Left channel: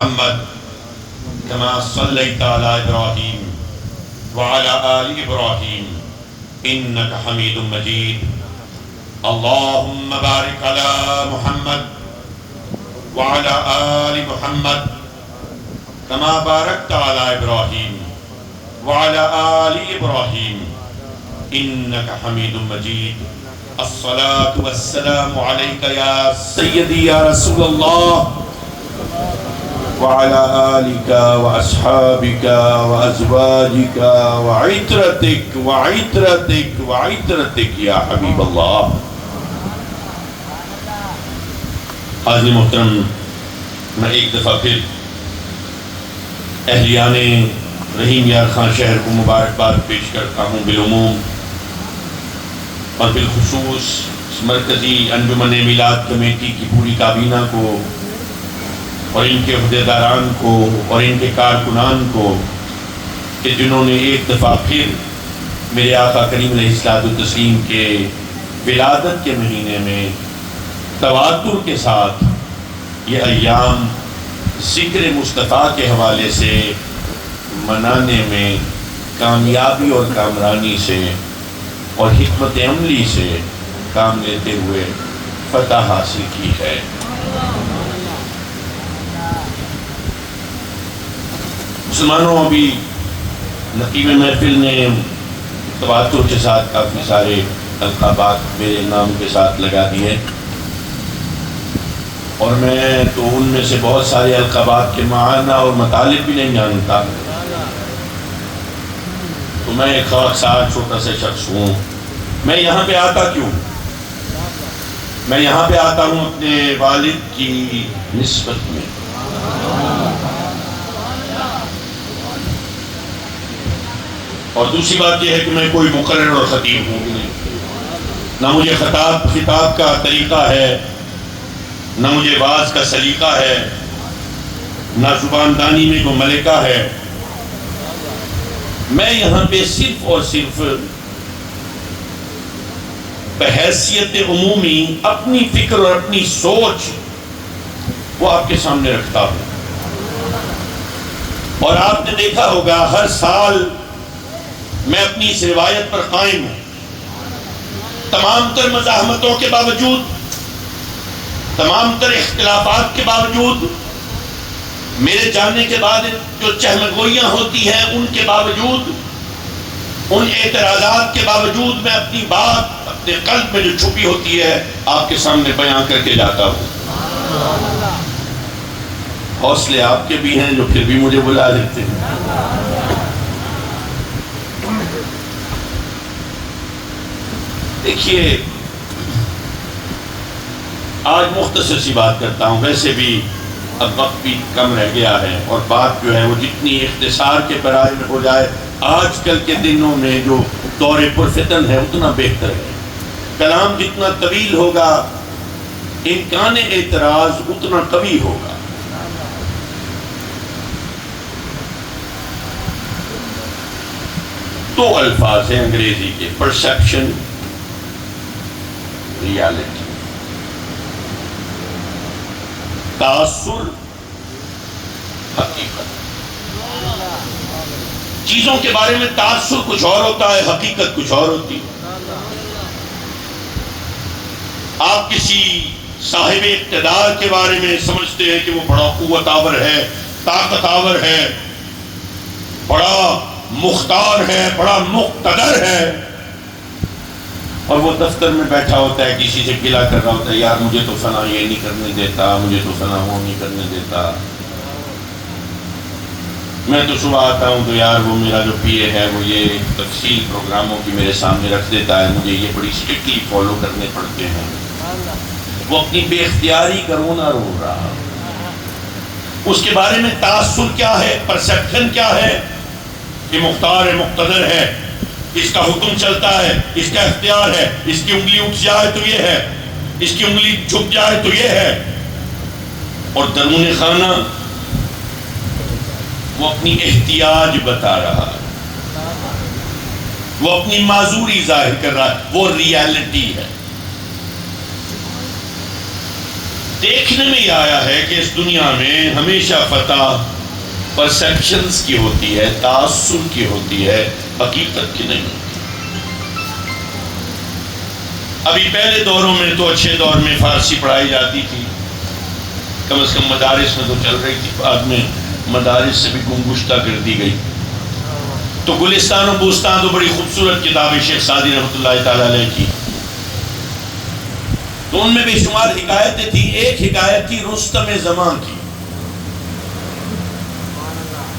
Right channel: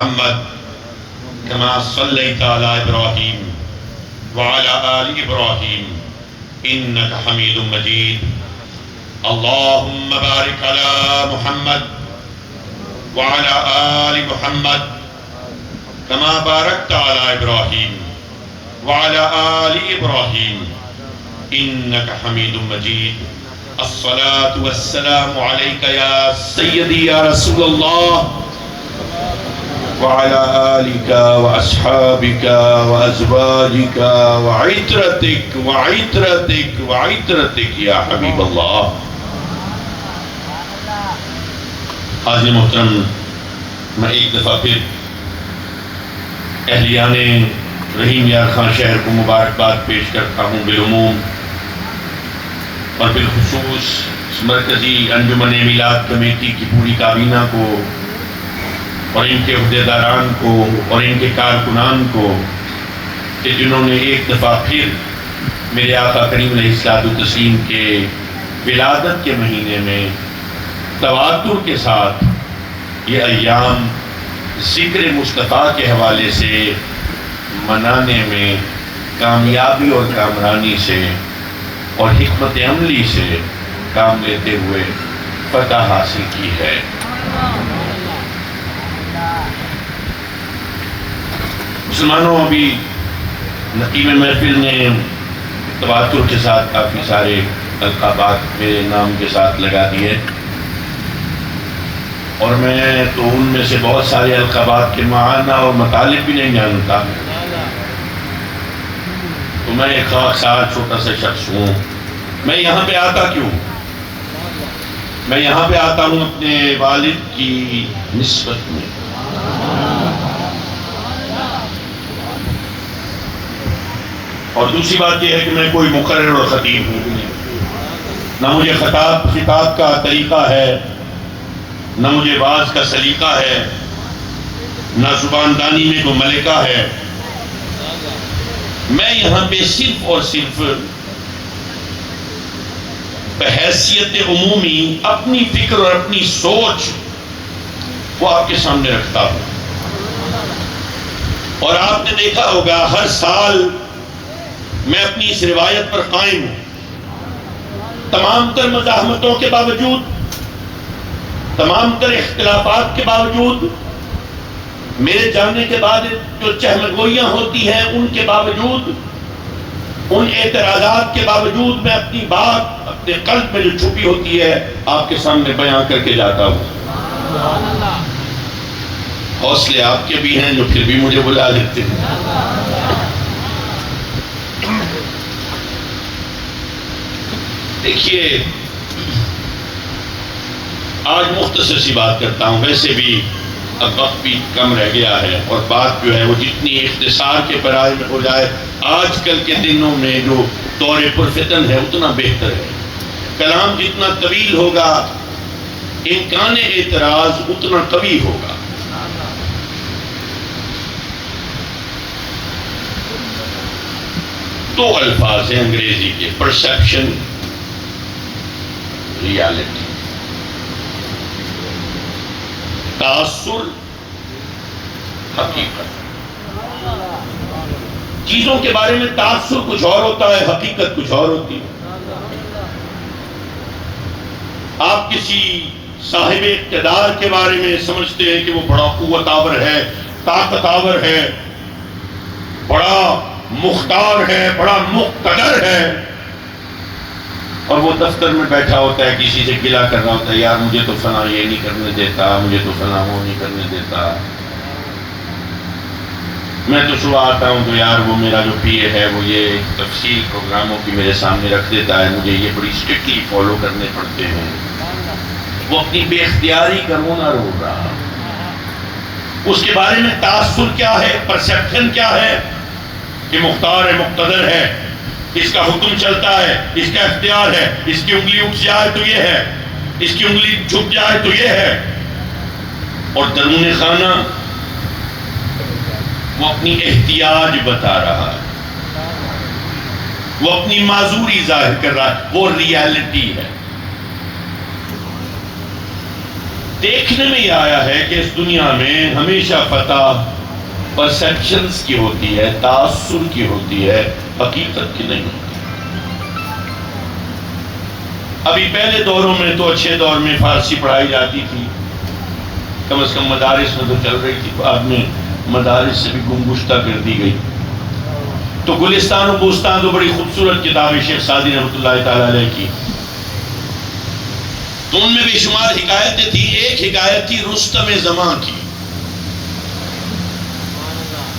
محمد كما صليت على إبراهيم وعلى آل إبراهيم إنك حميد مجيد. اللهم بارك على محمد وعلى آل محمد كما باركت على إبراهيم وعلى آل إبراهيم إنك حميد مجيد. الصلاة والسلام عليك يا سيدي يا رسول الله وعلى آلك وأصحابك وأزواجك وعترتك يا حبيب الله. حاضر محترم، میں ایک دفعہ پھر اہلیان رحیم یار خان شہر کو مبارکباد پیش کرتا ہوں بالعموم، اور بالخصوص مرکزی انجمن میلاد کمیٹی کی پوری کابینہ کو اور ان کے عہدیداران کو اور ان کے کارکنان کو کہ جنہوں نے ایک دفعہ پھر میرے آقا کریم علیہ السلام کے ولادت کے مہینے میں تواتر کے ساتھ یہ ایام ذکر مصطفیٰ کے حوالے سے منانے میں کامیابی اور کامرانی سے اور حکمت عملی سے کام لیتے ہوئے فتح حاصل کی ہے. مسلمانوں، ابھی نقیب محفل نے تواتر کے ساتھ کافی سارے القابات میرے نام کے ساتھ لگا دیے، اور میں تو ان میں سے بہت سارے القابات کے معنی اور مطالب بھی نہیں جانتا. تو میں ایک خاکسار چھوٹا سا شخص ہوں. میں یہاں پہ آتا کیوں؟ میں یہاں پہ آتا ہوں اپنے والد کی نسبت میں. اور دوسری بات یہ ہے کہ میں کوئی مقرر اور خطیب ہوں نہیں. نہ مجھے خطاب کا طریقہ ہے، نہ مجھے واعظ کا سلیقہ ہے، نہ زبان دانی میں کوئی ملکہ ہے. میں یہاں پہ صرف اور صرف بحیثیت عمومی اپنی فکر اور اپنی سوچ وہ آپ کے سامنے رکھتا ہوں. اور آپ نے دیکھا ہوگا ہر سال میں اپنی اس روایت پر قائم ہوں. تمام تر مزاحمتوں کے باوجود، تمام تر اختلافات کے باوجود، میرے جانے کے بعد جو چہمگوئیاں ہوتی ہیں ان کے باوجود، ان اعتراضات کے باوجود، میں اپنی بات اپنے قلب میں جو چھپی ہوتی ہے آپ کے سامنے بیان کر کے جاتا ہوں. حوصلے آپ کے بھی ہیں جو پھر بھی مجھے بلا لیتے ہیں. دیکھیے، آج مختصر سی بات کرتا ہوں. ویسے بھی اب وقت بھی کم رہ گیا ہے، اور بات جو ہے وہ جتنی اختصار کے پیراہے میں ہو جائے آج کل کے دنوں میں جو دور پرفتن ہے اتنا بہتر ہے. کلام جتنا طویل ہوگا امکان اعتراض اتنا قوی ہوگا. دو الفاظ ہیں انگریزی کے، پرسیپشن، ریالٹی. تاثر، حقیقت. چیزوں کے بارے میں تاثر کچھ اور ہوتا ہے، حقیقت کچھ اور ہوتی ہے. آپ کسی صاحب اقتدار کے بارے میں سمجھتے ہیں کہ وہ بڑا قوت آور ہے، طاقت آور ہے، بڑا مختار ہے، بڑا مقتدر ہے، اور وہ دفتر میں بیٹھا ہوتا ہے کسی سے گلہ کرنا ہوتا ہے، یار مجھے تو فلاں یہ نہیں کرنے دیتا، مجھے تو فلاں وہ نہیں کرنے دیتا. میں تو صبح آتا ہوں تو یار وہ میرا جو پی اے ہے وہ یہ تفصیل پروگراموں کی میرے سامنے رکھ دیتا ہے، مجھے یہ بڑی اسٹرکٹلی فالو کرنے پڑتے ہیں. وہ اپنی بے اختیاری کا رونا رو رہا ہے. اس کے بارے میں تاثر کیا ہے، پرسیپشن کیا ہے کہ مختار ہے، مقتدر ہے، اس کا حکم چلتا ہے، اس کا اختیار ہے، اس کی انگلی اٹھ جائے تو یہ ہے، اس کی انگلی جھک جائے تو یہ ہے. اور درون خانہ وہ اپنی احتیاج بتا رہا ہے، وہ اپنی معذوری ظاہر کر رہا ہے. وہ ریالٹی ہے. دیکھنے میں یہ آیا ہے کہ اس دنیا میں ہمیشہ فتح پرسیپشنز کی ہوتی ہے، تعصب کی ہوتی ہے، حقیقت کی نہیں ہوتی۔ ابھی پہلے دوروں میں تو اچھے دور میں فارسی پڑھائی جاتی تھی، کم از کم مدارس میں تو چل رہی تھی، بعد میں مدارس سے بھی گمگشتہ کر دی گئی۔ تو گلستان و بوستان تو بڑی خوبصورت کتاب ہے شیخ سعدی رحمۃ اللہ تعالی علیہ کی، تو ان میں بے شمار حکایتیں تھی۔ ایک حکایت تھی رستم زماں کی،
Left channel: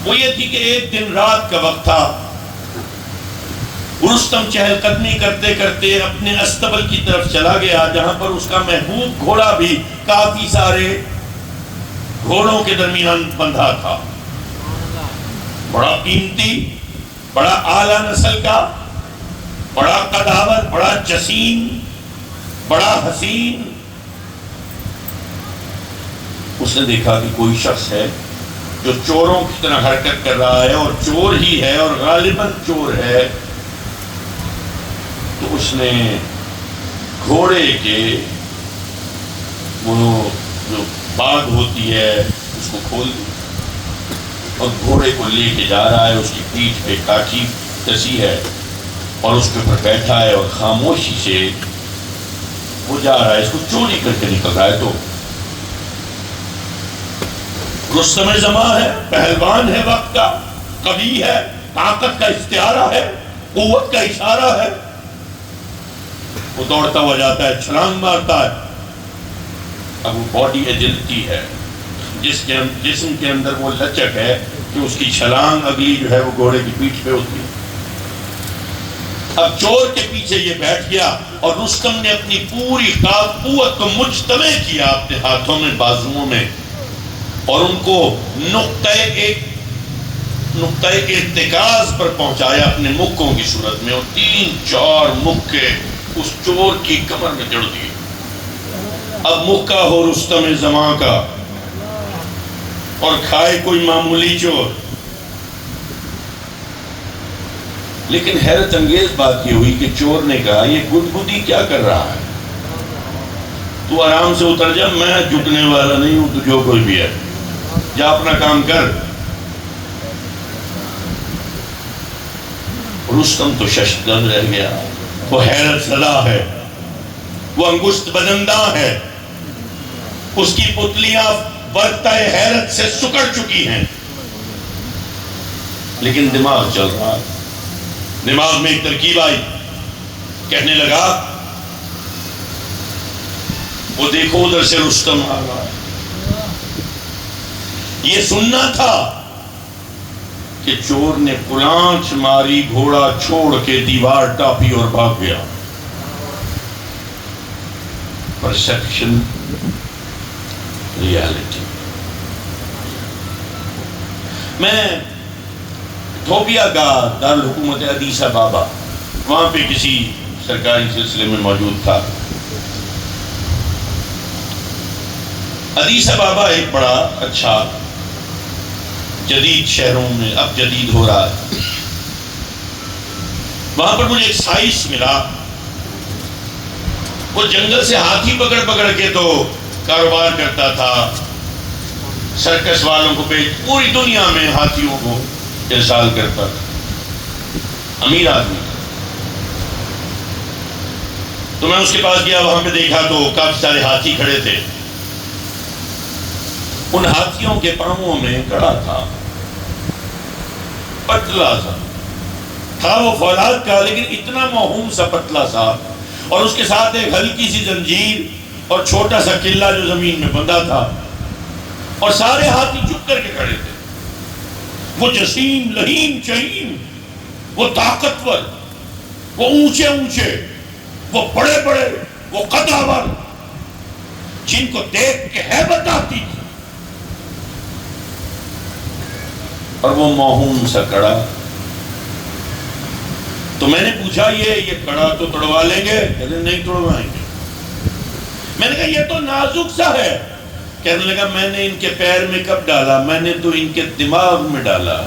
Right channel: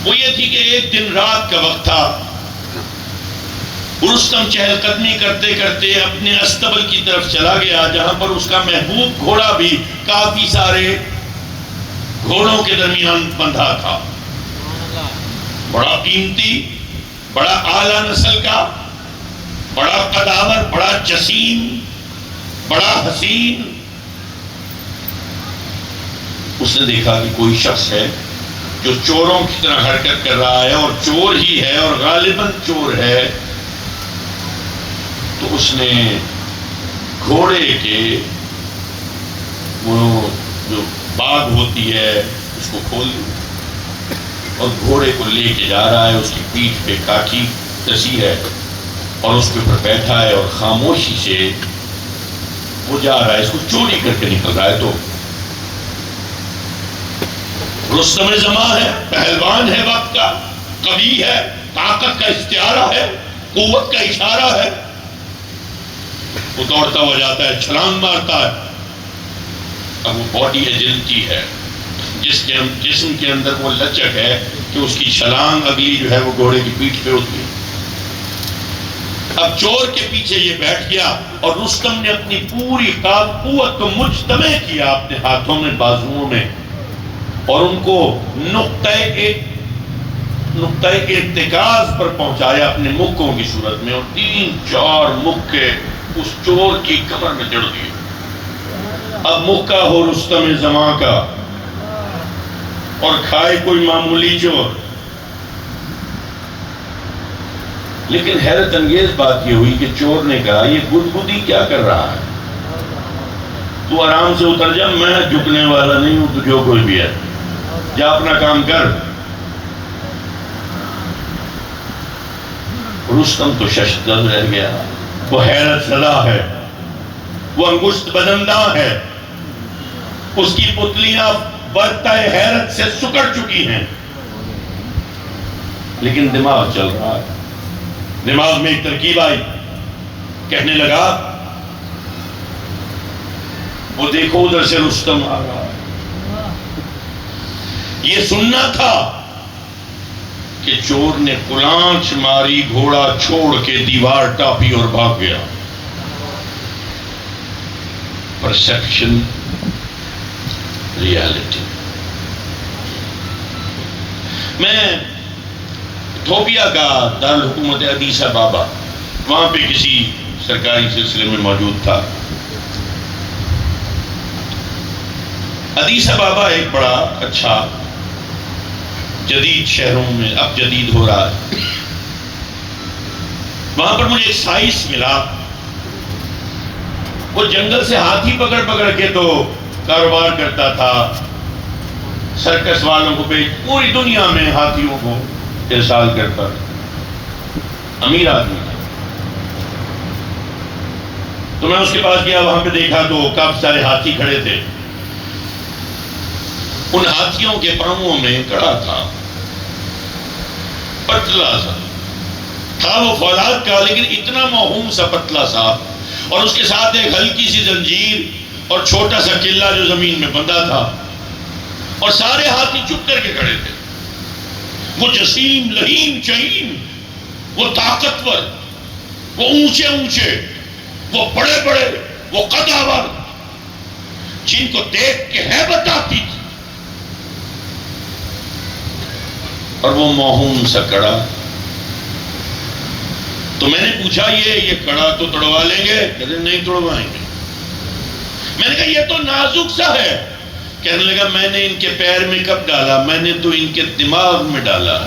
وہ یہ تھی کہ ایک دن رات کا وقت تھا، رستم چہل قدمی کرتے کرتے اپنے استبل کی طرف چلا گیا جہاں پر اس کا محبوب گھوڑا بھی کافی سارے گھوڑوں کے درمیان بندھا تھا، بڑا قیمتی، بڑا اعلیٰ نسل کا، بڑا قداور، بڑا جسیم، بڑا حسین۔ اس نے دیکھا کہ کوئی شخص ہے جو چوروں کی طرح حرکت کر رہا ہے، اور چور ہی ہے اور غالباً چور ہے۔ تو اس نے گھوڑے کے وہ جو باغ ہوتی ہے اس کو کھول دیا اور گھوڑے کو لے کے جا رہا ہے، اس کی پیٹھ پہ کاٹھی کسی ہے اور اس کے اوپر بیٹھا ہے اور خاموشی سے وہ جا رہا ہے، اس کو چوری کر کے نکل رہا ہے۔ تو رستم زماں ہے، پہلوان ہے، وقت کا قوی ہے، طاقت کا استعارہ ہے، قوت کا اشارہ ہے، وہ دوڑتا ہوا جاتا ہے، چھلانگ مارتا ہے۔ اب وہ باڈی ایجلٹی ہے، جسم کے اندر وہ لچک ہے کہ اس کی چھلانگ اگلی جو ہے وہ گھوڑے کی پیٹھ پہ ہوتی ہے۔ اب چور کے پیچھے یہ بیٹھ گیا اور رستم نے اپنی پوری قوت کو مجتمع کیا اپنے ہاتھوں میں، بازوؤں میں، اور ان کو نقطۂ ارتکاز پر پہنچایا اپنے مکوں کی صورت میں، اور 3-4 مکے اس چور کی کمر میں جڑ دیے۔ اب مکہ ہو رستم زماں کا اور کھائے کوئی معمولی چور۔ لیکن حیرت انگیز بات یہ ہوئی کہ چور نے کہا یہ گدگدی کیا کر رہا ہے، تو آرام سے اتر جا، میں جھکنے والا نہیں ہوں، تو جو کوئی بھی ہے جا اپنا کام کر۔ رستم تو ششدر رہ گیا، وہ حیرت زدہ ہے، وہ انگشت بدنداں ہے، اس کی پتلیاں برتہ حیرت سے سکڑ چکی ہیں، لیکن دماغ چل رہا ہے۔ دماغ میں ایک ترکیب آئی، کہنے لگا وہ دیکھو ادھر سے رستم آ رہا ہے۔ یہ سننا تھا کہ چور نے کلانچ ماری، گھوڑا چھوڑ کے دیوار ٹاپی اور بھاگ گیا۔ Perception, reality. میں تھوبیا کا دارالحکومت ادیس ابابا، وہاں پہ کسی سرکاری سلسلے میں موجود تھا۔ ادیس ابابا ایک بڑا اچھا جدید شہروں میں اب جدید ہو رہا ہے، وہاں پر مجھے ایک سائنس ملا، وہ جنگل سے ہاتھی پکڑ پکڑ کے تو کاروبار کرتا تھا، سرکس والوں کو پوری دنیا میں ہاتھیوں کو ارسال کرتا، امیر آدمی۔ تو میں اس کے پاس گیا، وہاں پہ دیکھا تو کافی سارے ہاتھی کھڑے تھے، ان ہاتھیوں کے پاؤں میں کڑا تھا، پتلا سا تھا، وہ فولاد کا لیکن اتنا موہوم سا پتلا سا، اور اس کے ساتھ ایک ہلکی سی زنجیر اور چھوٹا سا قلعہ جو زمین میں بندھا تھا، اور سارے ہاتھی چپ کر کے کھڑے تھے۔ وہ جسیم، لہیم، چہیم، وہ طاقتور، وہ اونچے اونچے، وہ بڑے بڑے، وہ قداور، جن کو دیکھ کے ہیبت آتی تھی، اور وہ موہوم سا کڑا۔ تو میں نے پوچھا یہ کڑا تو توڑوا لیں گے؟ کہتے نہیں توڑوائیں گے۔ میں نے کہا یہ تو نازک سا ہے۔ کہنے لگا میں نے ان کے پیر میں کب ڈالا؟ میں نے تو ان کے دماغ میں ڈالا۔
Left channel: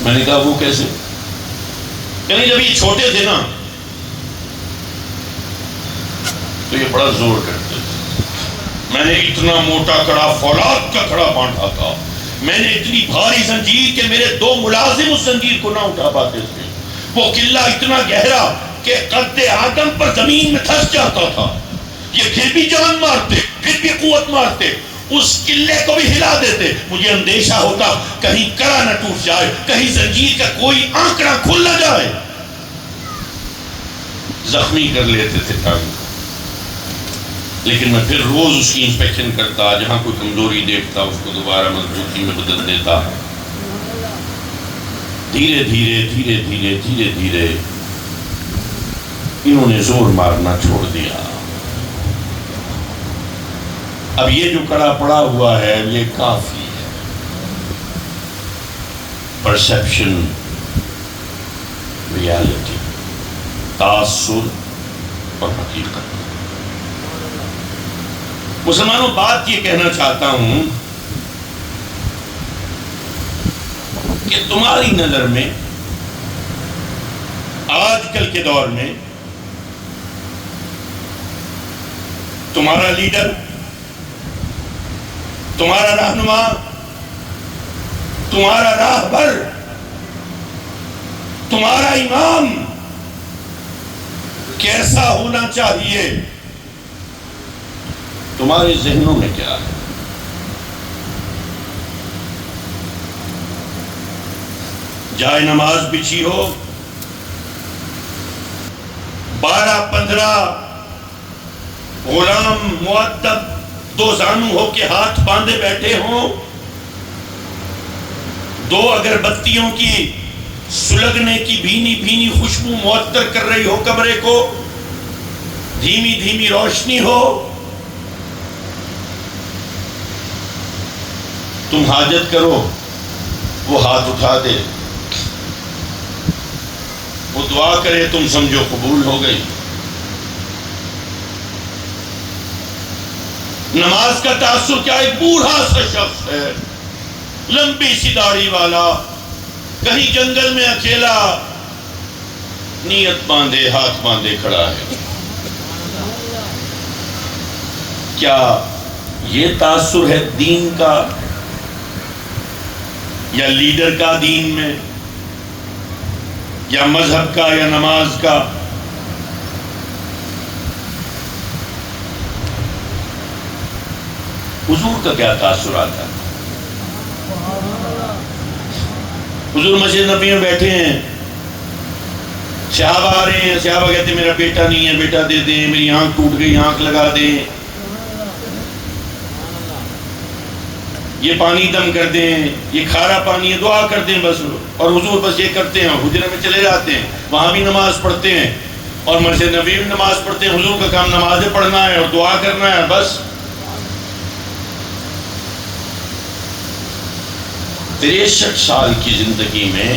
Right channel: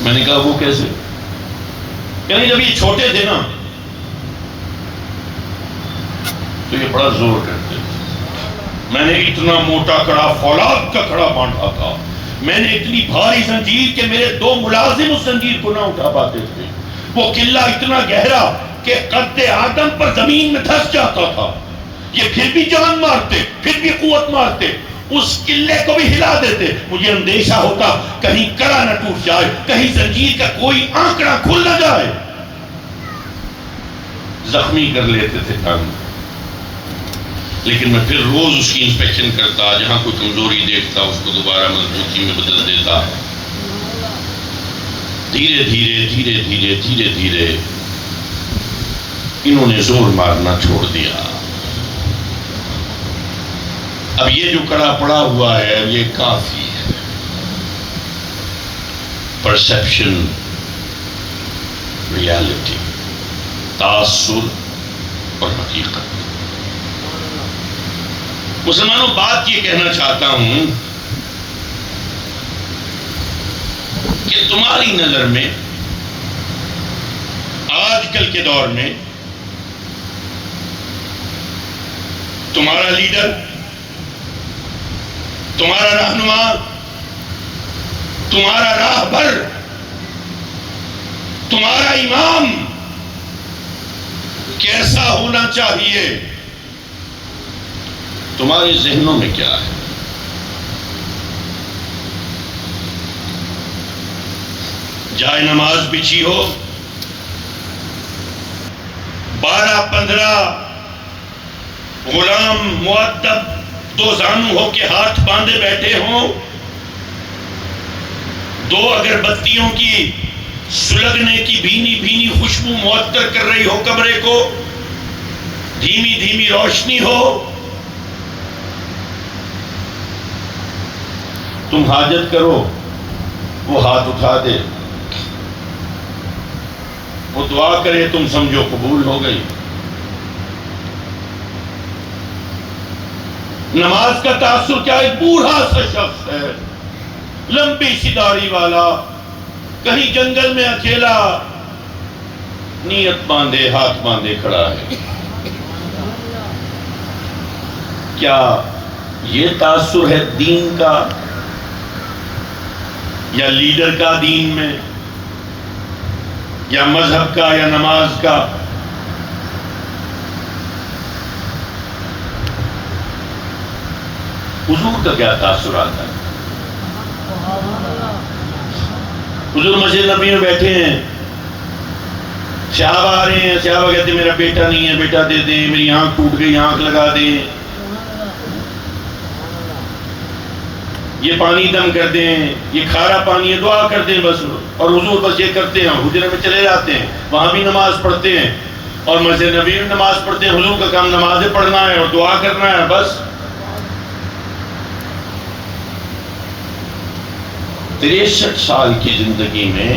میں نے کہا وہ کیسے؟ یعنی جب یہ چھوٹے تھے نا تو یہ بڑا زور کرتے تھے، میں نے اتنا موٹا کڑا فولاد کا کڑا باندھا تھا، میں نے اتنی بھاری زنجیر کہ میرے 2 ملازم اس زنجیر کو نہ اٹھا پاتے تھے، وہ قلعہ اتنا گہرا کہ قد آدم پر زمین میں دھس جاتا تھا، یہ پھر بھی جان مارتے، پھر بھی قوت مارتے، اس قلعے کو بھی ہلا دیتے۔ مجھے اندیشہ ہوتا کہیں کڑا نہ ٹوٹ جائے، کہیں زنجیر کا کوئی آنکڑا کھل نہ جائے، زخمی کر لیتے تھے کام، لیکن میں پھر روز اس کی انسپیکشن کرتا، جہاں کوئی کمزوری دیکھتا اس کو دوبارہ مضبوطی میں بدل دیتا۔ دھیرے دھیرے دھیرے دھیرے دھیرے دھیرے انہوں نے زور مارنا چھوڑ دیا۔ اب یہ جو کڑا پڑا ہوا ہے یہ کافی ہے، پرسیپشن، ریالٹی، تاثر اور حقیقت۔ مسلمانوں، بات یہ کہنا چاہتا ہوں کہ تمہاری نظر میں آج کل کے دور میں تمہارا لیڈر، تمہارا رہنما، تمہارا راہبر، تمہارا امام کیسا ہونا چاہیے؟ تمہارے ذہنوں میں کیا ہے؟ جائے نماز بچھی ہو، 12-15 غلام مؤدب 2 زانو ہو کے ہاتھ باندھے بیٹھے ہوں، 2 اگربتیوں کی سلگنے کی بھینی بھینی خوشبو معطر کر رہی ہو کمرے کو، دھیمی دھیمی روشنی ہو، تم حاجت کرو، وہ ہاتھ اٹھا دے، وہ دعا کرے، تم سمجھو قبول ہو گئی۔ نماز کا تاثر کیا؟ ایک بوڑھا سا شخص ہے، لمبی سی داڑھی والا، کہیں جنگل میں اکیلا، نیت باندھے، ہاتھ باندھے کھڑا ہے۔ کیا یہ تاثر ہے دین کا یا لیڈر کا دین میں، یا مذہب کا یا نماز کا؟ حضور کا کیا تاثر آتا ہے؟ حضور مسجد نبی میں بیٹھے ہیں، صحابہ آ رہے ہیں، صحابہ کہتے ہیں میرا بیٹا نہیں ہے، بیٹا دے دیں، میری آنکھ ٹوٹ گئی، آنکھ لگا دیں، یہ پانی دم کر دیں، یہ کھارا پانی ہے، دعا کر دیں بس۔ اور حضور بس یہ کرتے ہیں، حجرے میں چلے جاتے ہیں، وہاں بھی نماز پڑھتے ہیں اور مسجد نبی میں نماز پڑھتے ہیں۔ حضور کا کام نمازیں پڑھنا ہے اور دعا کرنا ہے بس۔ 63 سال کی زندگی میں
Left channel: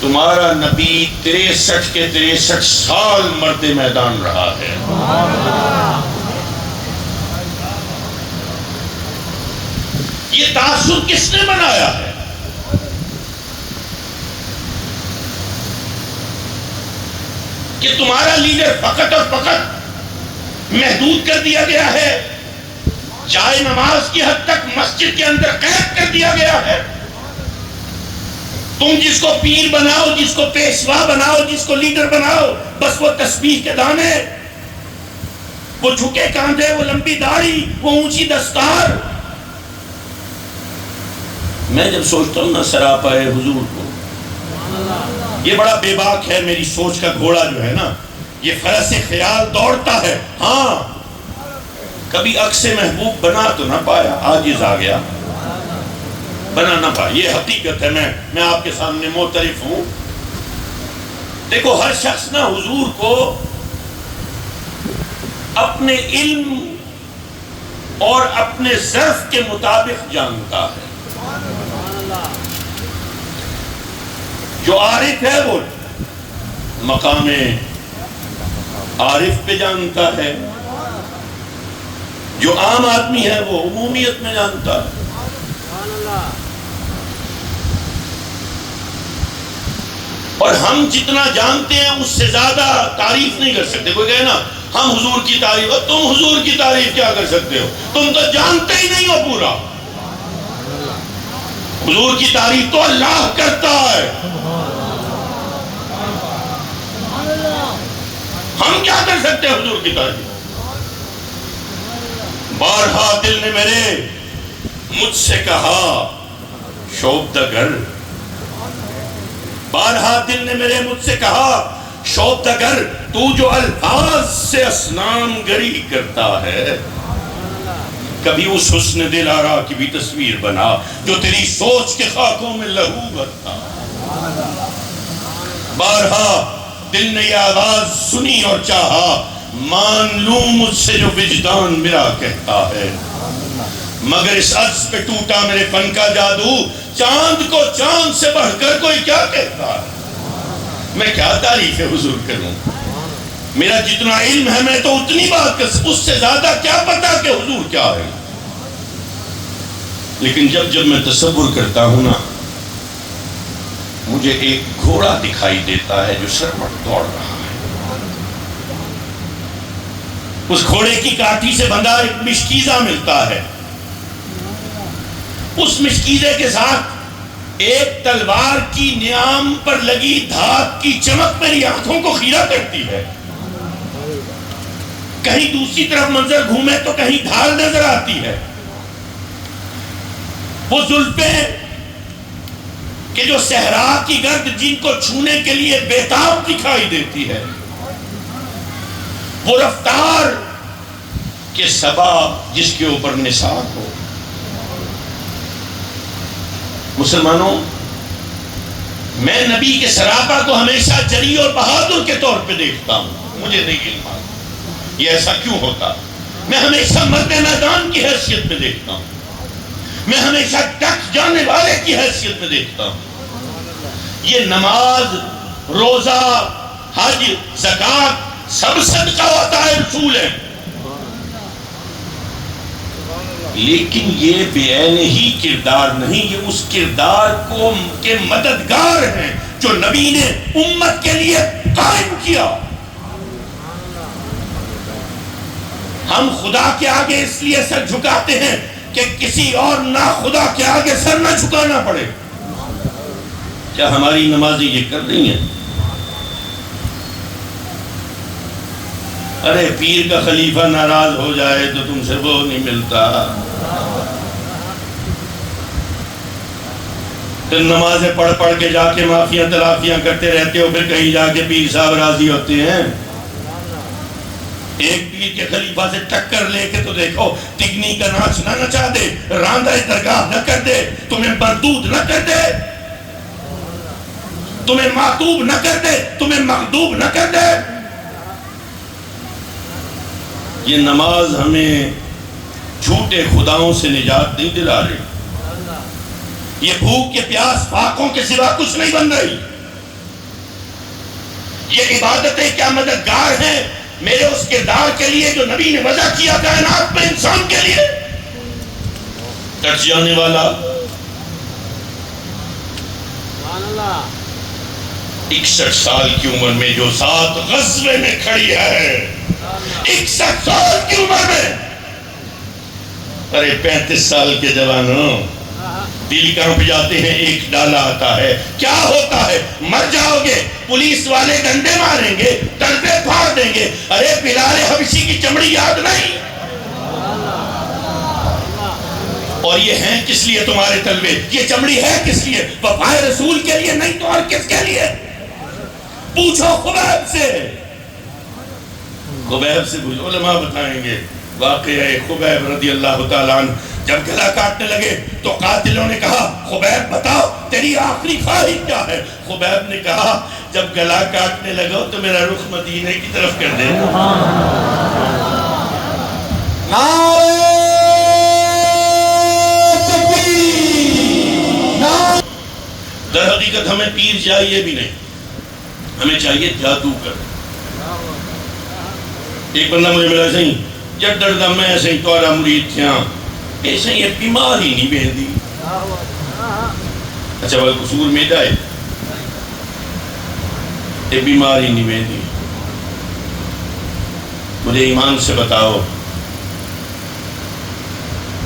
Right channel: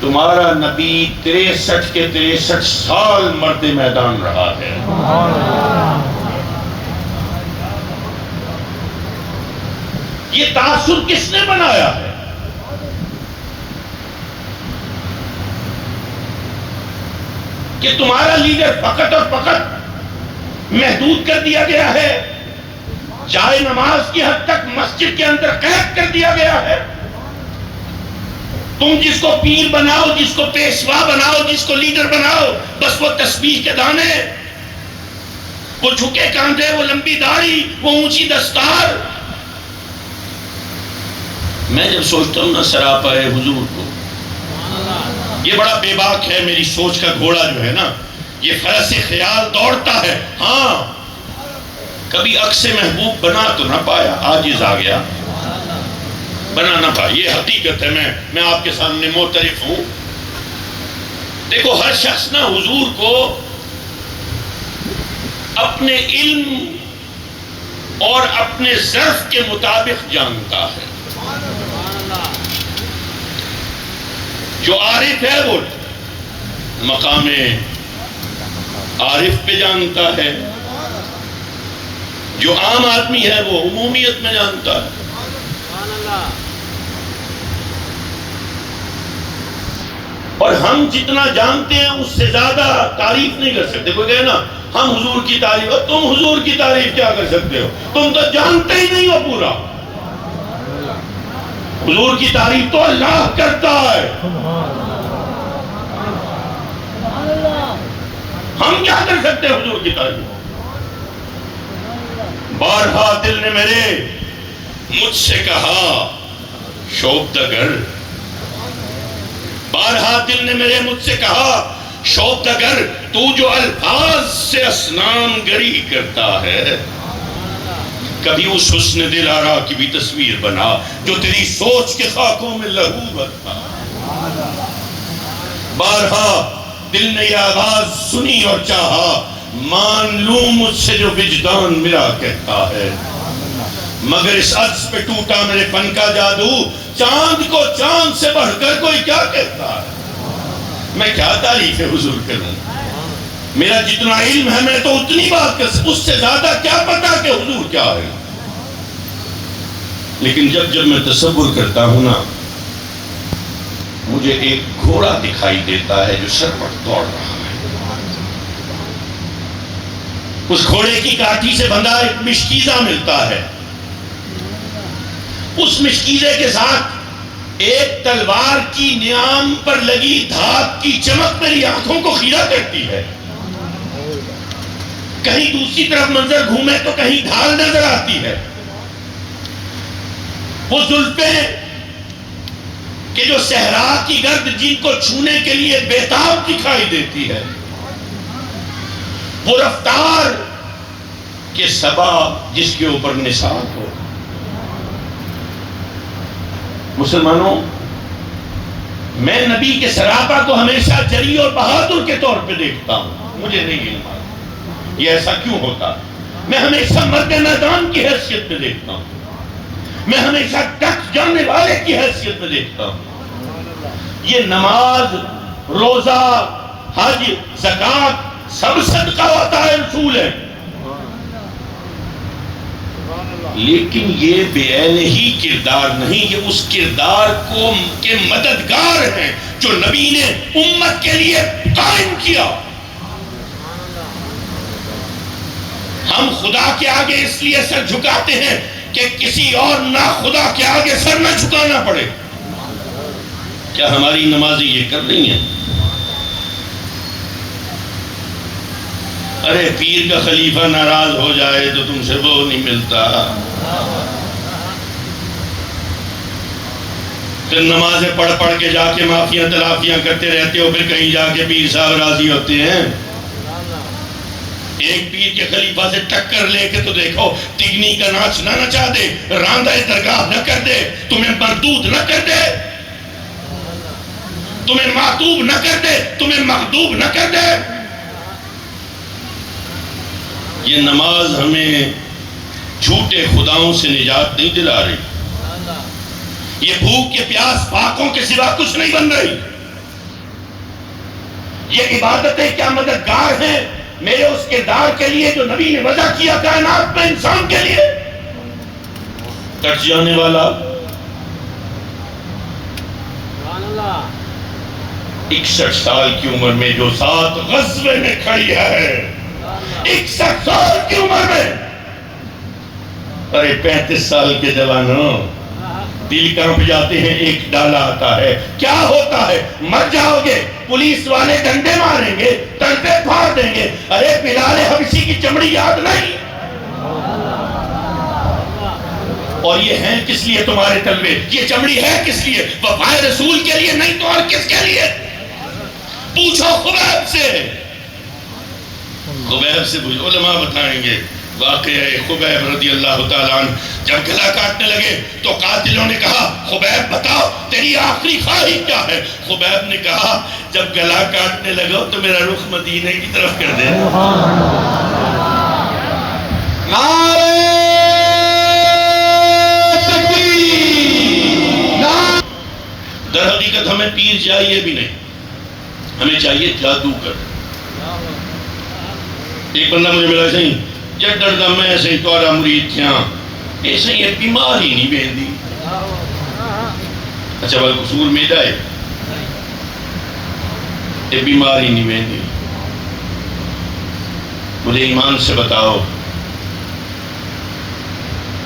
تمہارا نبی 63 کے 63 سال مرد میدان رہا ہے۔ یہ تاثر کس نے بنایا ہے؟ کہ تمہارا لیڈر فقط اور فقط محدود کر دیا گیا ہے، جائے نماز کی حد تک مسجد کے اندر قید کر دیا گیا ہے۔ تم جس کو پیر بناؤ، جس کو پیشوا بناؤ، جس کو لیڈر بناؤ، بس وہ تسبیح کے دانے، وہ جھکے کاندھے، وہ لمبی داڑھی، وہ اونچی دستار۔ میں جب سوچتا ہوں نا سراپا حضور کو، یہ بڑا بے باک ہے، میری سوچ کا گھوڑا جو ہے نا، یہ فرس خیال دوڑتا ہے۔ ہاں، کبھی عکس محبوب بنا تو نہ پایا، عاجز آ گیا، بنا نہ پایا، یہ حقیقت ہے، میں آپ کے سامنے معترف ہوں۔ دیکھو، ہر شخص نا حضور کو اپنے علم اور اپنے ظرف کے مطابق جانتا ہے۔ جو عارف ہے وہ مقام عارف پہ جانتا ہے، جو عام آدمی ہے وہ عمومیت میں جانتا ہے۔ اور ہم جتنا جانتے ہیں اس سے زیادہ تعریف نہیں کر سکتے. کوئی کہے نا ہم حضور کی تعریف، اور تم حضور کی تعریف کیا کر سکتے ہو؟ تم تو جانتے ہی نہیں ہو پورا. حضور کی تعریف تو اللہ کرتا ہے. ہم کیا کر سکتے ہیں حضور کی تعریف؟ بارہا دل نے میرے مجھ سے کہا شوب دا گر، بارہا دل نے میرے مجھ سے کہا شوب دا گر، تو جو الفاظ سے اسنام گری کرتا ہے، کبھی اس حسن دلارا کی بھی تصویر بنا جو تیری سوچ کے خاکوں میں لہو بتا. بارہا دل نے یہ آواز سنی اور چاہا مان لوں مجھ سے جو وجدان میرا کہتا ہے، مگر اس عجز پہ ٹوٹا میرے فن کا جادو، چاند کو چاند سے بڑھ کر کوئی کیا کہتا ہے. میں کیا تعریف حضور کروں؟ میرا جتنا علم ہے میں تو اتنی بات کر، اس سے زیادہ کیا پتا کہ حضور کیا ہے. لیکن جب میں تصور کرتا ہوں نا، مجھے ایک گھوڑا دکھائی دیتا ہے جو سر پر دوڑ رہا ہے. اس گھوڑے کی کاٹھی سے بندھا ایک مشکیزہ ملتا ہے. اس مشکیزے کے ساتھ ایک تلوار کی نیام پر لگی دھات کی چمک میری آنکھوں کو خیرہ کرتی ہے. کہیں دوسری طرف منظر گھومے تو کہیں ڈھال نظر آتی ہے. وہ زلفیں کہ جو صحرا کی گرد جن کو چھونے کے لیے بےتاب دکھائی دیتی ہے، وہ رفتار کہ صبا جس کے اوپر نثار ہو. مسلمانوں، میں نبی کے سراپا کو ہمیشہ جری اور بہادر کے طور پہ دیکھتا ہوں. مجھے نہیں علم یہ ایسا کیوں ہوتا. میں ہمیشہ مرد میدان کی حیثیت میں دیکھتا ہوں. میں ہمیشہ ٹک جانے والے کی حیثیت میں دیکھتا ہوں. یہ نماز، روزہ، حج، زکوٰۃ سب صدقہ ہوتا ہے، رسول ہے، لیکن یہ بے عین ہی کردار نہیں. یہ اس کردار کو کے مددگار ہیں جو نبی نے امت کے لیے قائم کیا. ہم خدا کے آگے اس لیے سر جھکاتے ہیں کہ کسی اور نہ خدا کے آگے سر نہ جھکانا پڑے. کیا ہماری نمازی یہ کر رہی ہیں؟ ارے پیر کا خلیفہ ناراض ہو جائے تو تم سے وہ نہیں ملتا. پھر نمازیں پڑھ کے جا کے معافیاں تلافیاں کرتے رہتے ہو، پھر کہیں جا کے پیر صاحب راضی ہوتے ہیں. ایک پیر کے خلیفہ سے ٹکر لے کے تو دیکھو، تگنی کا ناچ نہ نچا دے، راندہ درگاہ نہ کر دے، تمہیں مردود نہ کر دے، تمہیں معتوب نہ کر دے، تمہیں مغضوب نہ کر دے. یہ نماز ہمیں جھوٹے خداؤں سے نجات نہیں دلا رہی. یہ بھوک کے پیاس پاکوں کے سوا کچھ نہیں بن رہی. یہ عبادتیں کیا مددگار ہیں میرے اس کردار کے لیے جو نبی نے وضع کیا کائنات میں انسان کے لیے. کٹ جانے والا 61 سال کی عمر میں جو 7 غزوے میں کھڑی ہے، 61 سال کی عمر میں. ارے 35 سال کے جوانوں، دل کہاں پہ جاتے ہیں، ایک ڈالا آتا ہے، کیا ہوتا ہے؟ مر جاؤ گے، پولیس والے ڈنڈے ماریں گے، تلوے پھاڑ دیں گے. ارے بلال حبشی کی چمڑی یاد نہیں؟ اور یہ ہیں کس لیے تمہارے تلوے؟ یہ چمڑی ہے کس لیے؟ وفائے رسول کے لیے نہیں تو اور کس کے لیے؟ پوچھو خبیب سے. خبیب سے پوچھو، علماء بتائیں گے. واقعہ خبیب رضی اللہ تعالیٰ عنہ جب گلا کاٹنے لگے تو قاتلوں نے کہا خبیب بتاؤ تیری آخری خواہش کیا ہے؟ خبیب نے کہا جب گلا کاٹنے لگا تو میرا رخ مدینے کی طرف کر دے. در حقیقت ہمیں پیر چاہیے بھی نہیں، ہمیں چاہیے جادوگر. ایک بندہ مجھے ملا سہی جب ڈردا میں سہی توارا مرید تھیا ایسے یہ بیماری نہیں بہن دی. اچھا وہ قصور میدا ہے. یہ بیماری نہیں ویندی. مجھے ایمان سے بتاؤ،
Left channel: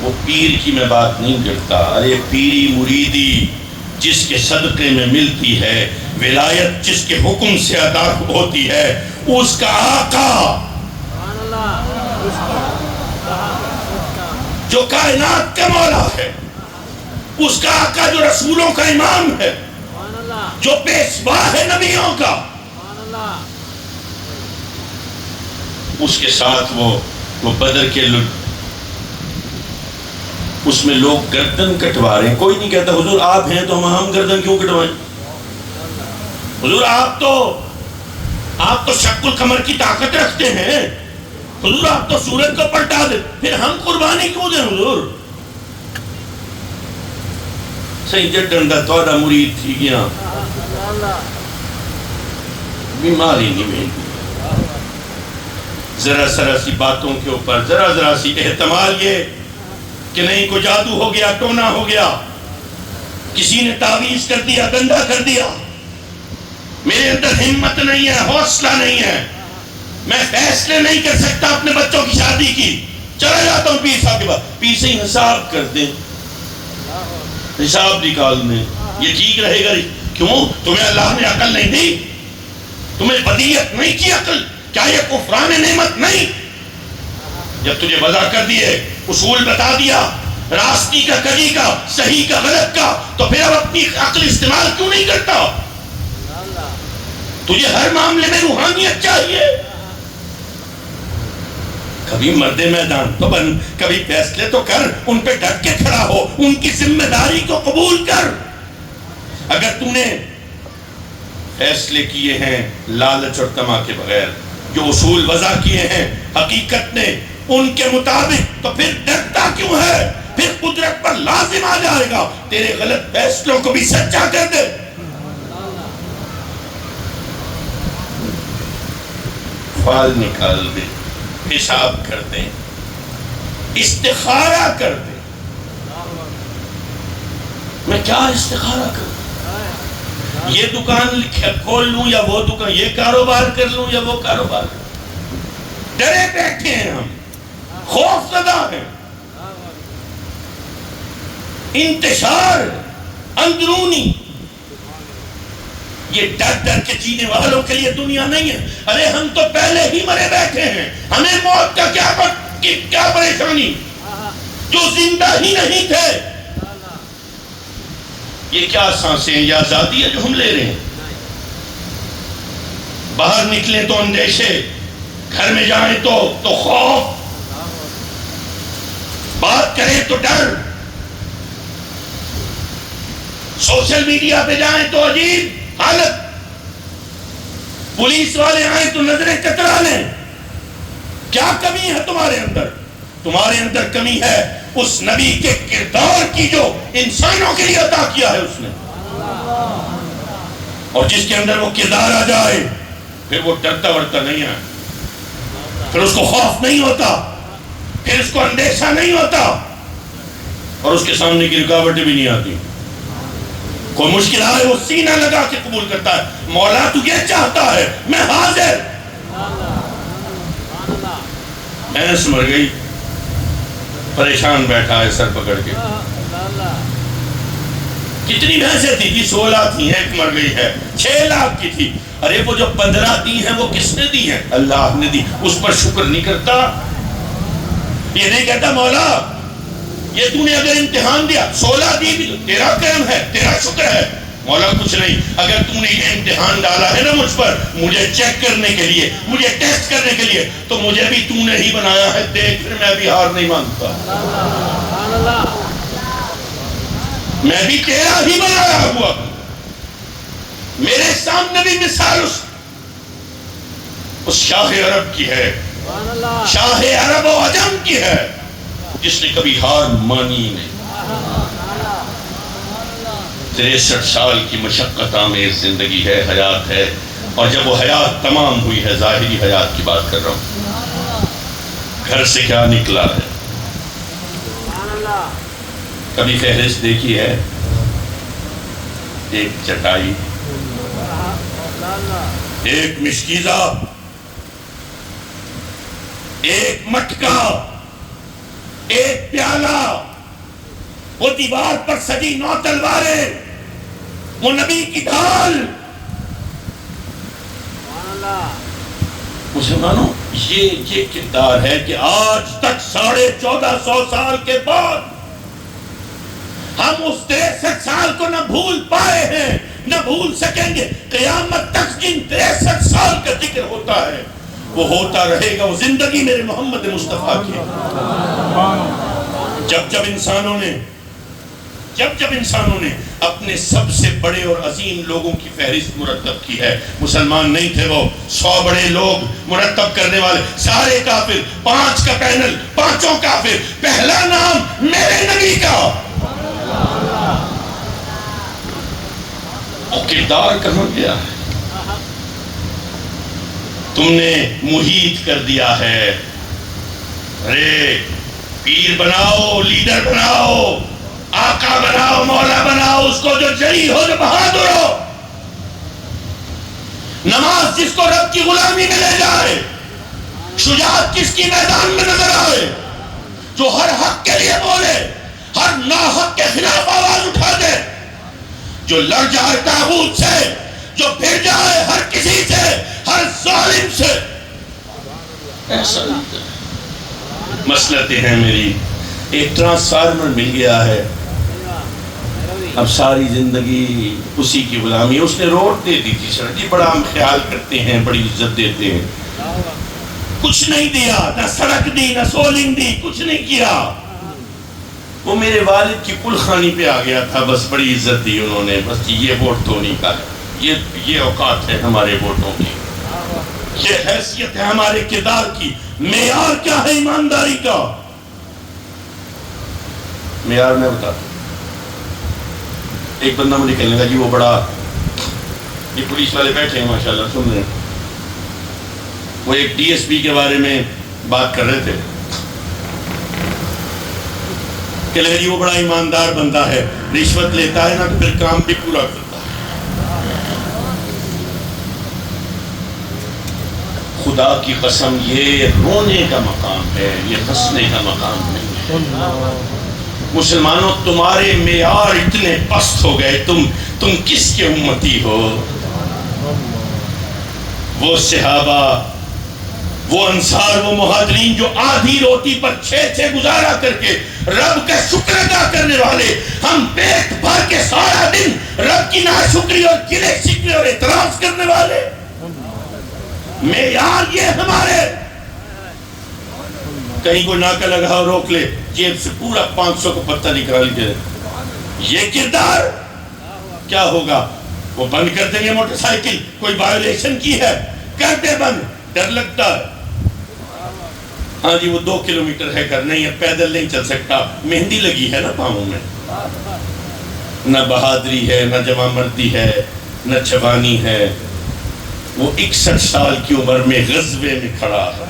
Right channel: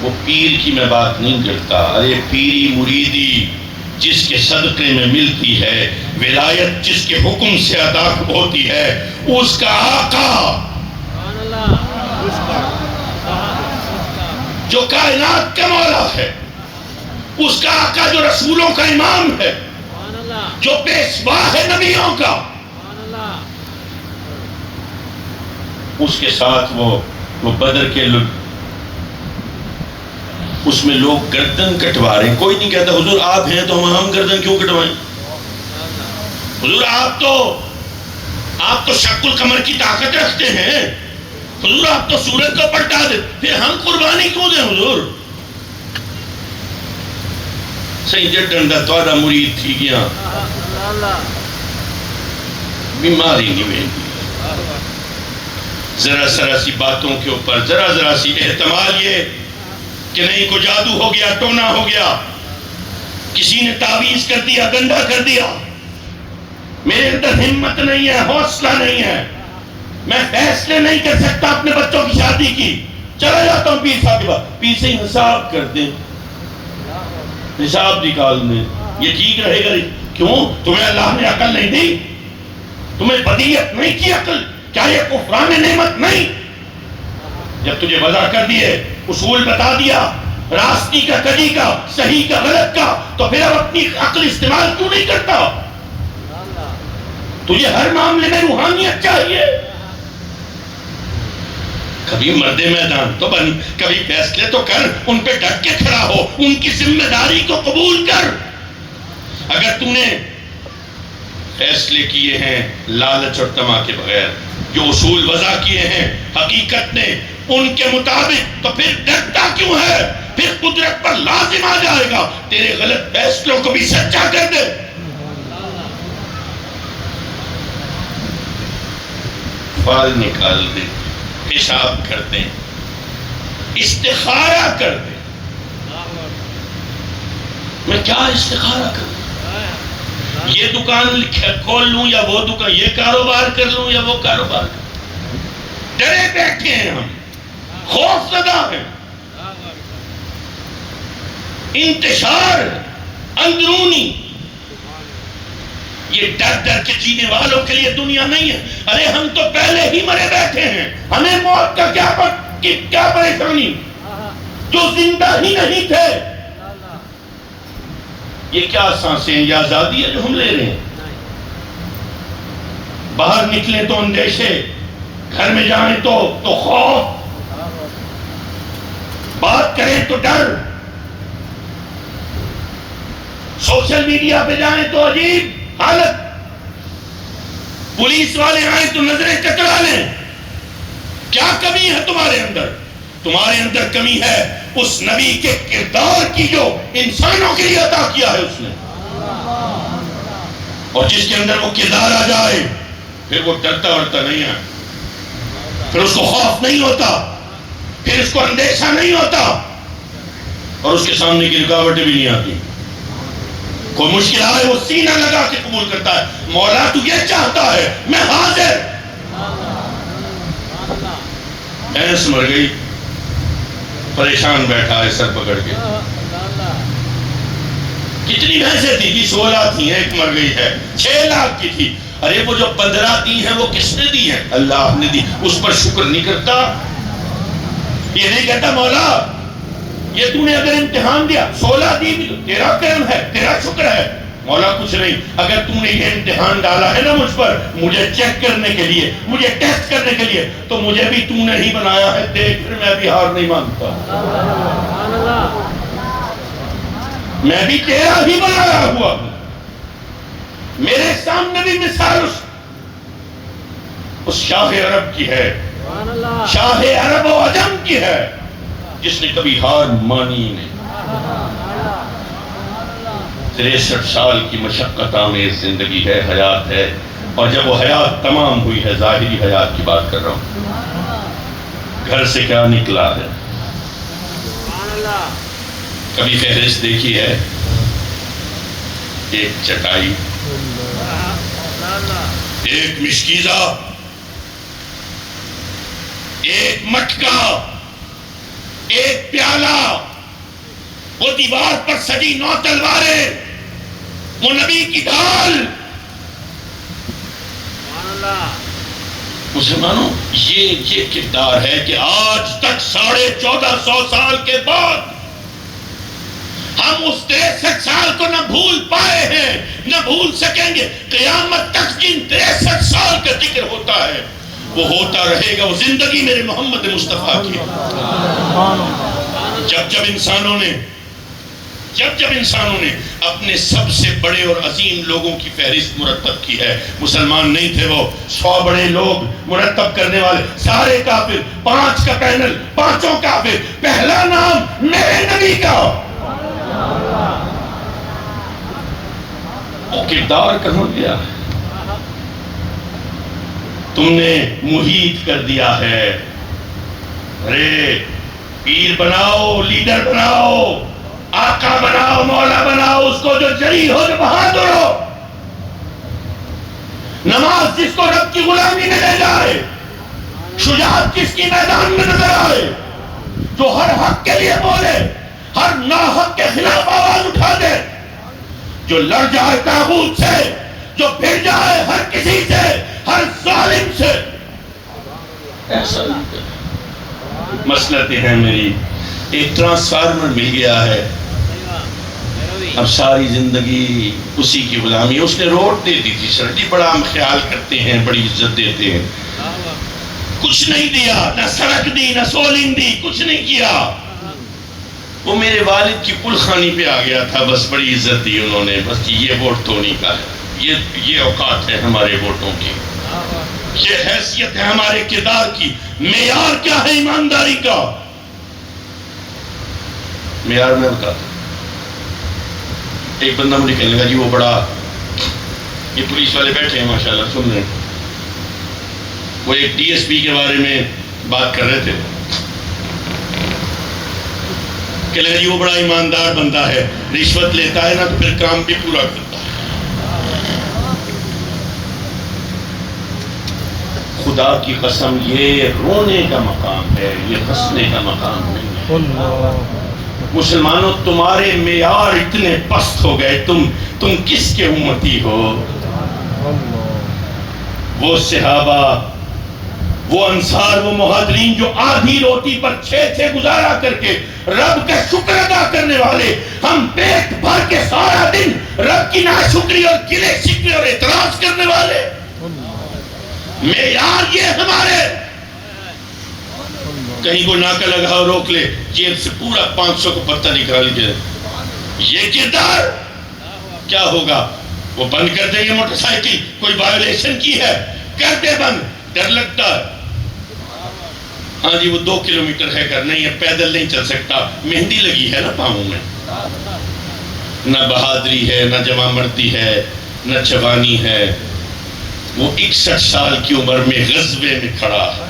وہ پیر کی میں بات نہیں کرتا. ارے پیری مریدی جس کے صدقے میں ملتی ہے، ولایت جس کے حکم سے ادا ہوتی ہے، اس کا آقا جو کائنات کا مولا ہے، اس کا آقا جو رسولوں کا امام ہے، جو پیشوا ہے نبیوں کا، اس کے ساتھ وہ بدر کے اس میں لوگ گردن کٹوا رہے ہیں. کوئی نہیں کہتا حضور آپ ہیں تو ہم گردن کیوں کٹوائیں؟ حضور آپ تو شق القمر کی طاقت رکھتے ہیں، حضور آپ تو سورج کو پلٹا دے، پھر ہم قربانی کیوں دیں حضور؟ سیدے ڈنڈا توڑا مرید تھی گیا، بیماری نہیں ویندی. ذرا سی باتوں کے اوپر ذرا سی احتمال یہ کہ نہیں کوئی جادو ہو گیا، ٹونا ہو گیا، کسی نے تعویذ کر دیا، گندا کر دیا، میرے اندر ہمت نہیں ہے، حوصلہ نہیں ہے، میں فیصلے نہیں کر سکتا اپنے بچوں کی شادی کی، چلا جاتا ہوں پیر صاحب کے پاس. پیر سے حساب کر دیں، حساب نکال دیں، یہ ٹھیک رہے گا؟ کیوں؟ تمہیں اللہ نے عقل نہیں دی؟ تمہیں بدیعت نہیں کی عقل؟ کیا یہ کفران نعمت نہیں؟ جب تجھے وضع کر دیے، اصول بتا دیا، راستی کا کجی کا، صحیح کا غلط کا، تو پھر اب اپنی عقل استعمال کیوں نہیں کرتا؟ تجھے ہر معاملے میں روحانیت چاہیے. کبھی مرد میدان تو بن، کبھی فیصلے تو کر، ان پہ ڈٹ کے کھڑا ہو، ان کی ذمہ داری کو قبول کر. اگر تم نے فیصلے کیے ہیں لالچ اور طمع کے بغیر، جو اصول وضع کیے ہیں حقیقت نے ان کے مطابق، تو پھر ڈرتا کیوں ہے؟ پھر قدرت پر لازم آ جائے گا تیرے غلط فیصلوں کو بھی سچا کر دے. فال نکال دے، حساب کر دے، استخارہ کر دے. میں کیا استخارہ کروں؟ یہ دکان کھول لوں یا وہ دکان، یہ کاروبار کر لوں یا وہ کاروبار کر لوں؟ ڈرے بیٹھے ہیں ہم، خوف زدہ ہیں. انتشار اندرونی، یہ ڈر کے جینے والوں کے لیے دنیا نہیں ہے. ارے ہم تو پہلے ہی مرے بیٹھے ہیں، ہمیں موت کا کیا پریشانی، جو زندہ ہی نہیں تھے. یہ کیا سانسیں ہیں، یہ آزادی ہے جو ہم لے رہے ہیں. باہر نکلیں تو اندیشے، گھر میں جائیں تو خوف، بات کریں تو ڈر، سوشل میڈیا پہ جائیں تو عجیب حالت، پولیس والے آئیں تو نظریں کترا لیں. کیا کمی ہے تمہارے اندر؟ تمہارے اندر کمی ہے اس نبی کے کردار کی جو انسانوں کے لیے عطا کیا ہے اس نے. اور جس کے اندر وہ کردار آ جائے پھر وہ ڈرتا ورتا نہیں ہے، پھر اس کو خوف نہیں ہوتا، پھر اس کو اندیشہ نہیں ہوتا، اور اس کے سامنے کی رکاوٹیں بھی نہیں آتی. کوئی مشکل آئے وہ سینہ لگا کے قبول کرتا ہے. مولا تو یہ چاہتا ہے، میں حاضر. بھینس مر گئی، پریشان بیٹھا ہے سر پکڑ کے. کتنی بھینسیں تھی؟ 16 تھی، ایک مر گئی ہے. 6 لاکھ کی تھی. ارے وہ جو 15 دی ہیں وہ کس نے دی ہیں؟ اللہ نے دی. اس پر شکر نہیں کرتا، یہ نہیں کہتا مولا یہ تو نے اگر امتحان دیا 16 دی بھی تو تیرا کرم ہے، تیرا شکر ہے. مولا کچھ نہیں، اگر تو نے یہ امتحان ڈالا ہے نا مجھ پر، مجھے چیک کرنے کے لیے، مجھے ٹیسٹ کرنے کے لیے، تو مجھے بھی تو نے ہی بنایا ہے. دیکھ پھر میں بھی ہار نہیں مانتا، میں بھی تیرا ہی بنایا ہوا ہوں. میرے سامنے بھی مثال اس شاہ عرب کی ہے، شاہ عرب و عجم کی ہے، جس نے کبھی ہار مانی نہیں. 63 سال کی مشقت آمیز زندگی ہے، حیات ہے. اور جب وہ حیات تمام ہوئی ہے، ظاہری حیات کی بات کر رہا ہوں، گھر سے کیا نکلا ہے؟ کبھی فہرست دیکھی ہے؟ ایک چٹائی، ایک مشکیزہ، ایک مٹکا، ایک پیالہ، وہ دیوار پر سجی 9 تلواریں، وہ نبی کی ڈھال. مسلمانوں یہ کردار ہے کہ آج تک 1450 سال کے بعد ہم اس 63 سال کو نہ بھول پائے ہیں نہ بھول سکیں گے. قیامت تک جن 63 سال کا ذکر ہوتا ہے وہ ہوتا رہے گا. وہ زندگی میرے محمد مصطفیٰ کی. جب انسانوں نے اپنے سب سے بڑے اور عظیم لوگوں کی فہرست مرتب کی ہے، مسلمان نہیں تھے وہ، 100 بڑے لوگ مرتب کرنے والے، سارے کافر، 5 کا پینل، 5 کافر، پہلا نام میرے نبی کا. وہ کردار کہاں گیا ہے؟ تم نے محیط کر دیا ہے. ارے پیر بناؤ، لیڈر بناؤ، آقا بناؤ، مولا بناؤ، اس کو جو جری ہو، جو بہادر ہو. نماز جس کو رب کی غلامی میں لے جائے، شجاعت جس کی میدان میں نظر آئے، جو ہر حق کے لیے بولے، ہر ناحق کے خلاف آواز اٹھا دے، جو لڑ جائے طاغوت سے، جو پھر جائے ہر کسی سے، ہر ظالم سے. ایسا مسئلہ ہے میری. ایک ٹرانسفارمر مل گیا ہے، اب ساری زندگی اسی کی غلامی. اس نے روڈ دے دی تھی سر جی، بڑا ہم خیال کرتے ہیں، بڑی عزت دیتے ہیں. کچھ نہیں دیا، نہ سڑک دی، نہ سولنگ دی، کچھ نہیں کیا. وہ میرے والد کی پل خانی پہ آ گیا تھا، بس بڑی عزت دی انہوں نے. بس یہ ووٹ تو نہیں کا، یہ اوقات ہے ہمارے ووٹوں کی، یہ حیثیت ہے ہمارے کردار کی. معیار کیا ہے ایمانداری کا؟ معیار میں بتاتا. ایک بندہ مجھے کہنے لگا جی وہ بڑا، یہ پولیس والے بیٹھے ہیں ماشاءاللہ سن رہے ہیں، وہ ایک ڈی ایس پی کے بارے میں بات کر رہے تھے. کہ لگا جی وہ بڑا ایماندار بندہ ہے، رشوت لیتا ہے نا تو پھر کام بھی پورا کرتا ہے. خدا کی قسم یہ رونے کا مقام ہے، یہ ہنسنے کا مقام ہے. مسلمانوں تمہارے معیار اتنے پست ہو گئے، تم کس کے امتی ہو؟ وہ صحابہ، وہ انصار، وہ مہاجرین جو آدھی روٹی پر 6 گزارا کر کے رب کا شکر ادا کرنے والے، ہم پیٹ بھر کے سارا دن رب کی ناشکری اور گلے شکوے اور اعتراض کرنے والے. معیار یہ ہمارے، کہیں کوئی ناکہ لگا اور روک لے، جیب سے پورا 500 کو پتہ نکال کے. یہ کردار کیا ہوگا؟ وہ بند کر دیں گے موٹر سائیکل، کوئی وائلیشن کی ہے کر دے بند، ڈر لگتا. ہاں جی وہ 2 کلومیٹر ہے، گھر نہیں ہے، پیدل نہیں چل سکتا، مہندی لگی ہے نا پاؤں میں. نہ بہادری ہے، نہ جوان مردی ہے، نہ جوانی ہے. وہ 61 سال کی عمر میں غزوے میں کھڑا ہے.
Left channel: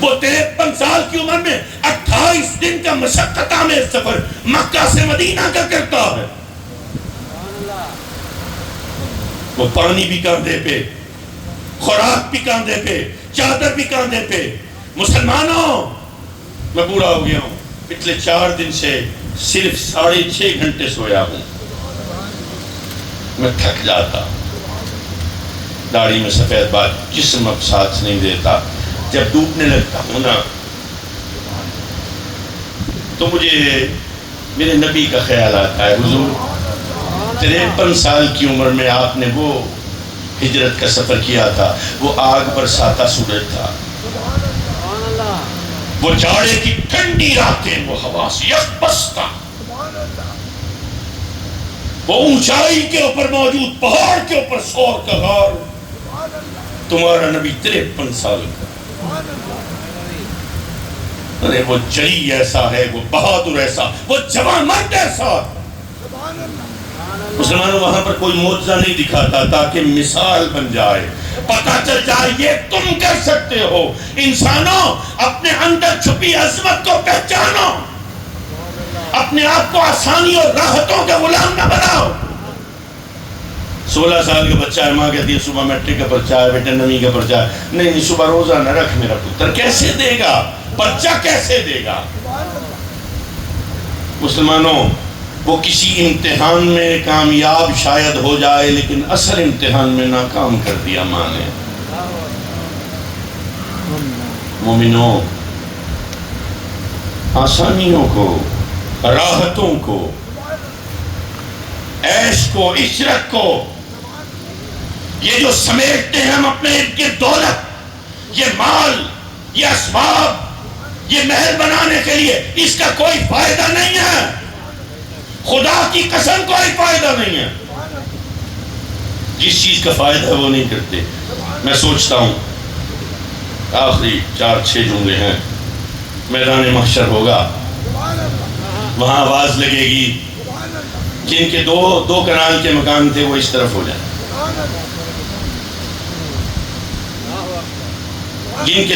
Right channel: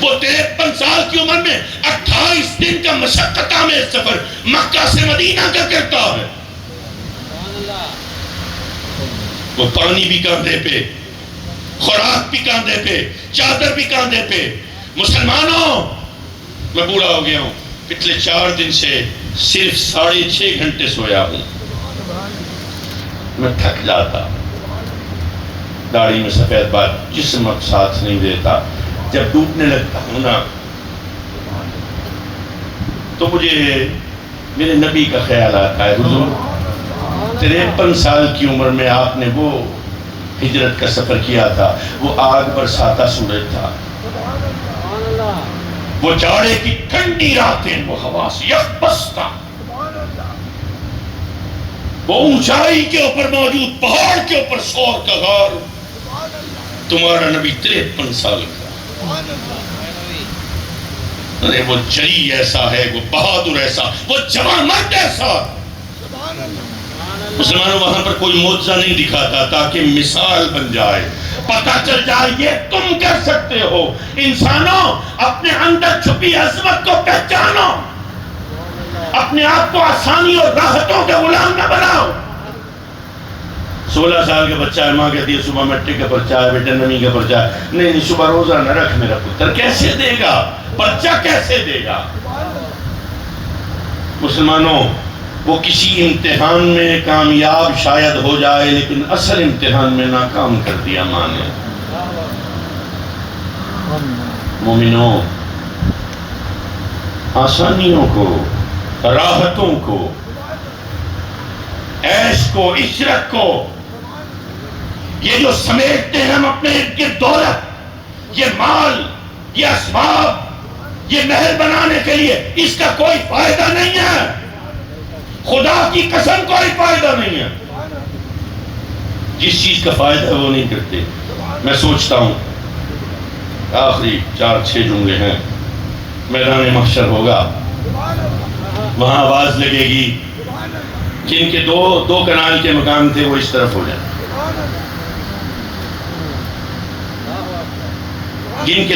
وہ 53 سال کی عمر میں 28 دن کا مشقت آمیز سفر مکہ سے مدینہ کا کرتا ہے. وہ پانی بھی کاندھے پہ، خوراک بھی کاندھے پہ، چادر بھی کاندھے پہ. مسلمانوں میں بوڑھا ہو گیا ہوں، پچھلے 4 دن سے صرف 6.5 گھنٹے سویا ہوں. میں تھک جاتا، داڑھی میں سفید بال، جسم اب ساتھ نہیں دیتا. جب ڈوبنے لگتا ہوں نا تو مجھے میرے نبی کا خیال آتا ہے. حضور 53 سال کی عمر میں آپ نے وہ ہجرت کا سفر کیا تھا، وہ آگ برساتا سورج تھا، وہ جاڑے کی ٹھنڈی راتیں، وہ ہوا سے یکبستہ، وہ اونچائی کے اوپر موجود پہاڑ کے اوپر سور کا غار. تمہارا نبی 53 سال کا. ارے وہ جری ایسا ہے، وہ بہادر ایسا، وہ جوان مرد ایسا. مسلمانوں وہاں پر کوئی معجزہ نہیں دکھاتا تاکہ مثال بن جائے، پتہ چل جائے یہ تم کر سکتے ہو. انسانوں اپنے اندر چھپی عظمت کو پہچانو، اپنے آپ کو آسانی اور راحتوں کا غلام نہ بناؤ. 16 سال کا بچہ ہے، ماں کہتی ہے صبح میٹرک کا پرچہ ہے، بیٹا نویں کا پرچہ ہے، نہیں صبح روزہ نہ رکھ میرا پتر، کیسے دے گا پرچہ، کیسے دے گا؟ مسلمانوں، وہ کسی امتحان میں کامیاب شاید ہو جائے لیکن اصل امتحان میں ناکام کر دیا ماں نے۔ مومنوں، آسانیوں کو، راحتوں کو، عیش کو، عشرت کو، یہ جو سمیٹتے ہیں ہم اپنے ارد گرد دولت، یہ مال، یہ اسباب، یہ محل بنانے کے لیے، اس کا کوئی فائدہ نہیں ہے، خدا کی قسم کوئی فائدہ نہیں ہے۔ جس چیز کا فائدہ ہے وہ نہیں کرتے۔ میں سوچتا ہوں آخری 4-6 جملے ہیں، میدان محشر ہوگا، وہاں آواز لگے گی، جن کے دو کنال کے مکان تھے وہ اس طرف ہو جائیں، جن کے